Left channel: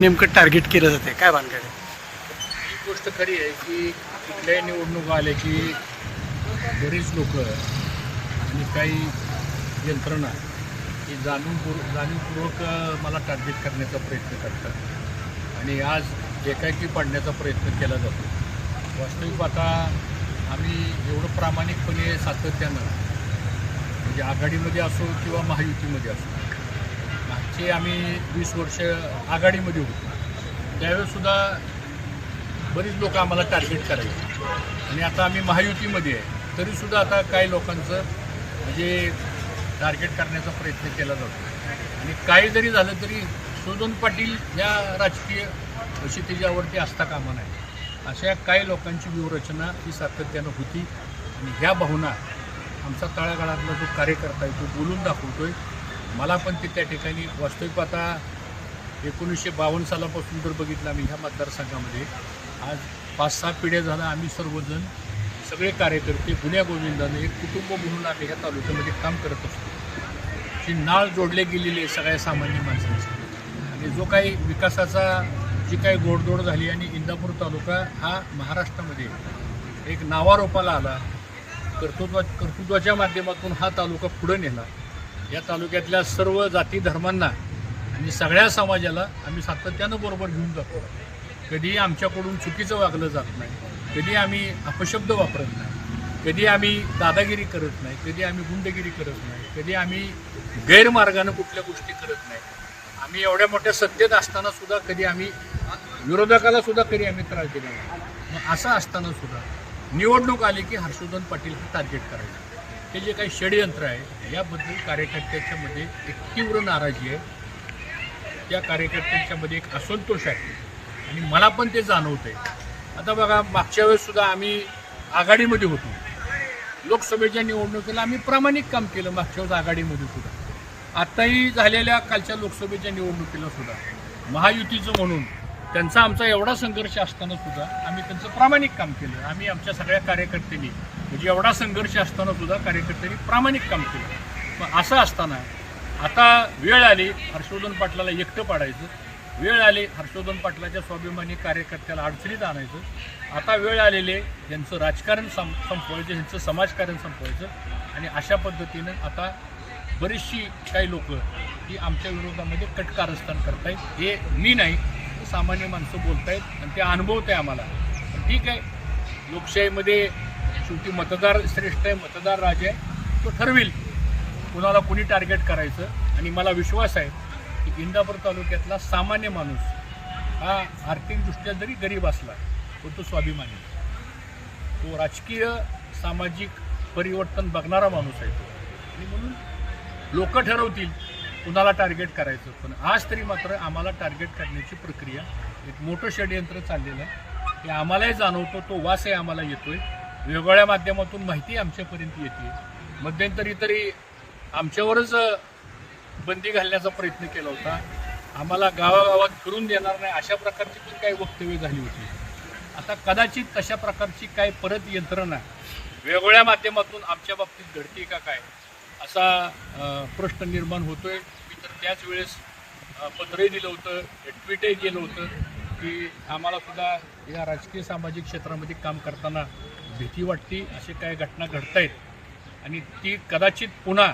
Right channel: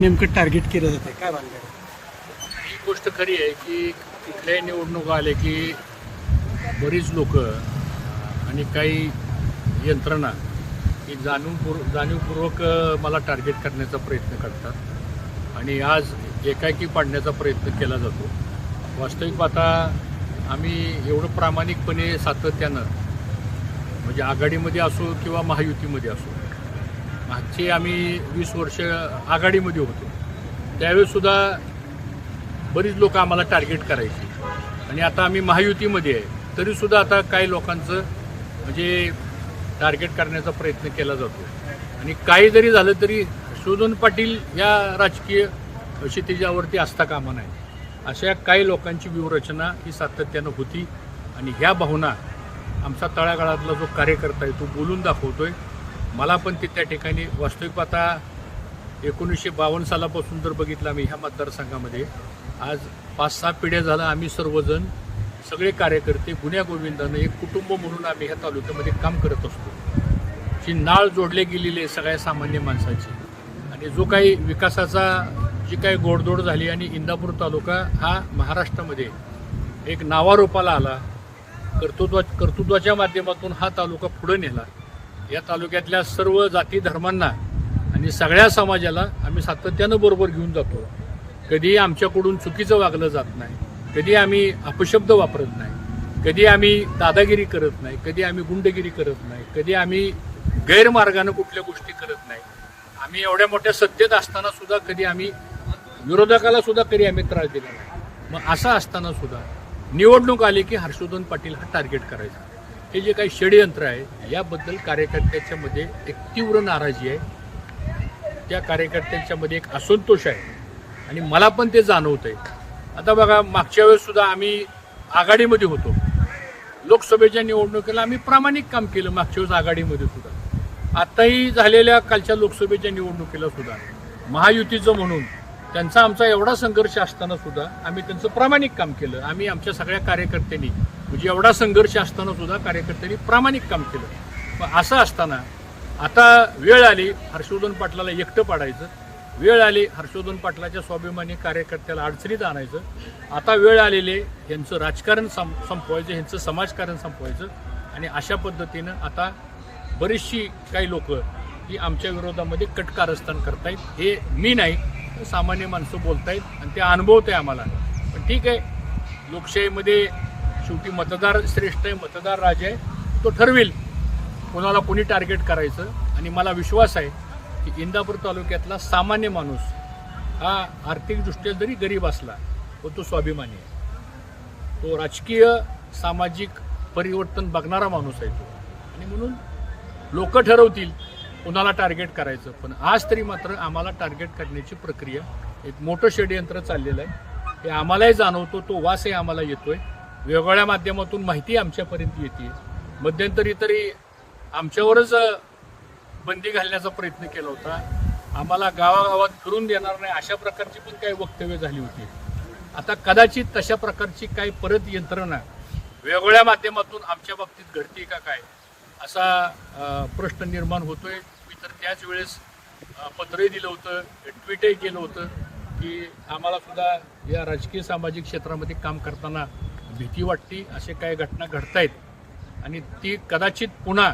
नेमकं टार्गेट केलं जाते काय भानगड आहे? ही गोष्ट खरी आहे की कुठल्याही निवडणूक आल्या की बरीच लोक आणि काही यंत्रणा ही जाणीवपूर्व जाणीवपूर्वक मला टार्गेट करण्याचा प्रयत्न करतात. आणि आज एकाएकी पाडण्याचा प्रयत्न केला जातो. वास्तविक आता आम्ही एवढं प्रामाणिकपणे सातत्यानं म्हणजे आघाडीमध्ये असो किंवा महायुतीमध्ये असो मागचे आम्ही वीस वर्ष आघाडीमध्ये होतो. त्यावेळेसुद्धा बरीच लोक आम्हाला टार्गेट करायची. आणि आता आम्ही महायुतीमध्ये आहे. तरीसुद्धा आता काही लोकांचं म्हणजे टार्गेट करण्याचा प्रयत्न केला जातो. आणि काही जरी झालं तरी शोधन पाटील या राजकीय क्षितिजावरती असता कामा नाही अशा काही लोकांची व्यूहरचना ही सातत्यानं होती. आणि ह्या भावना आमचा तळागाळातला जो कार्यकर्ता आहे तो बोलून दाखवतोय. मला पण ते त्या ठिकाणी वास्तविक पाहता एकोणीसशे बावन्न सालापासून जर बघितलं आम्ही ह्या मतदारसंघामध्ये आज पाच सहा पिढ्या झाला आम्ही सर्वजण सगळे कार्यकर्ते गुन्ह्या गोविंदानं एक कुटुंब म्हणून आम्ही ह्या तालुक्यामध्ये काम करत असतो. जी नाळ जोडले गेलेली आहे सगळ्या सामान्य माणसाची. आणि जो काही विकासाचा जी काही गोडदोड झाली आणि इंदापूर तालुका हा महाराष्ट्रामध्ये एक नावारोपाला आला कर्तृत्वा कर्तृत्वाच्या माध्यमातून हा तालुका पुढे नेला या तालुक्यातल्या सर्व जाती धर्मांना आणि सगळ्या समाजाला आम्ही सातत्यानं बरोबर घेऊन जातो. कधी आमच्याकडून चुकीचं वागलं जात नाही. कधी आम्ही अपशब्द वापरत नाही. कधी आम्ही दादागिरी करत नाही. कधी आम्ही गुंडगिरी करत नाही. कधी आम्ही गैरमार्गानं कुठल्या गोष्टी करत नाही. आम्ही एवढ्या मोठ्या सत्तेत असताना सुद्धा कधी आम्ही विरोधकाला सुद्धा कधी आम्ही त्रास दिला नाही. मग असं असताना सुद्धा निवडणूक आली की हर्षवर्धन पाटील हा टार्गेट करायचा. हे जे काही षडयंत्र आहे याबद्दल कार्यकर्त्याच्या मध्ये एक तीव्र नाराजी आहे. त्या कार्यकर्त्यांच्या मध्ये एक असंतोष आहे. आणि मला पण ते जाणवत आहे आता बघा मागच्या वेळेससुद्धा आम्ही आघाडीमध्ये होतो. लोकसभेच्या निवडणुकीला आम्ही प्रामाणिक काम केलं मागच्या वेळेस आघाडीमध्ये सुद्धा. आत्ताही झालेल्या कालच्या लोकसभेच्या निवडणुकीला सुद्धा. महायुतीचं म्हणून त्यांचा आमचा एवढा संघर्ष असताना सुद्धा आम्ही त्यांचं प्रामाणिक काम केलं. आम्ही आमच्या सगळ्या कार्यकर्त्यांनी म्हणजे एवढा संघर्ष असताना सुद्धा कार्यकर्त्यांनी प्रामाणिक काम केलं. पण असं असताना आता वेळ आली हर्षवर्धन पाटलाला एकटं पाडायचं. वेळ आली हर्षवर्धन पाटलाच्या स्वाभिमानी कार्यकर्त्याला अडचणीत आणायचं. आता वेळ आलेले यांचं राजकारण सं संपवायचं यांचं समाजकारण संपवायचं. आणि अशा पद्धतीनं आता बरीचशी काही लोक ही आमच्या विरोधामध्ये कटकारस्थान करतायत. हे मी नाही सामान्य माणसं बोलतायत आणि ते अनुभवत आहे आम्हाला. पण ठीक आहे लोकशाहीमध्ये शेवटी मतदार श्रेष्ठ आहे मतदार राजा आहे तो ठरवेल कोणाला कोणी टार्गेट करायचं. आणि मला विश्वास आहे की इंदापूर तालुक्यातला सामान्य माणूस हा आर्थिकदृष्ट्या जरी गरीब असला पण तो स्वाभिमानी आहे. तो राजकीय सामाजिक परिवर्तन बघणारा माणूस आहे तो. आणि म्हणून लोक ठरवतील कुणाला टार्गेट करायचं. पण आज तरी मात्र आम्हाला टार्गेट करण्याची प्रक्रिया एक मोठं षडयंत्र चाललेलं आहे. हे आम्हालाही जाणवतो तो वासही आम्हाला येतोय. वेगवेगळ्या माध्यमातून माहिती आमच्यापर्यंत येते. मध्यंतरी तरी आमच्यावरच बंदी घालण्याचा प्रयत्न केला होता. आम्हाला गावागावात फिरून देणार नाही अशा प्रकारची पण काही वक्तव्य झाली होती. आता कदाचित तशा प्रकारची काय परत यंत्रणा वेगवेगळ्या माध्यमातून आमच्या बाबतीत घडते का काय असा प्रश्न निर्माण होतोय. मी तर त्याच वेळेस पत्रही दिलं होतं ट्विटही केलं होतं की आम्हाला सुद्धा या राजकीय सामाजिक क्षेत्रामध्ये काम करताना भीती वाटते असे काही घटना घडतायत. आणि ती कदाचित पुन्हा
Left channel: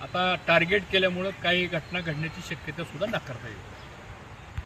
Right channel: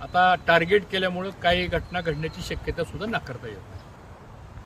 आता टार्गेट केल्यामुळं काही घटना घडण्याची शक्यता सुद्धा नाकारता येईल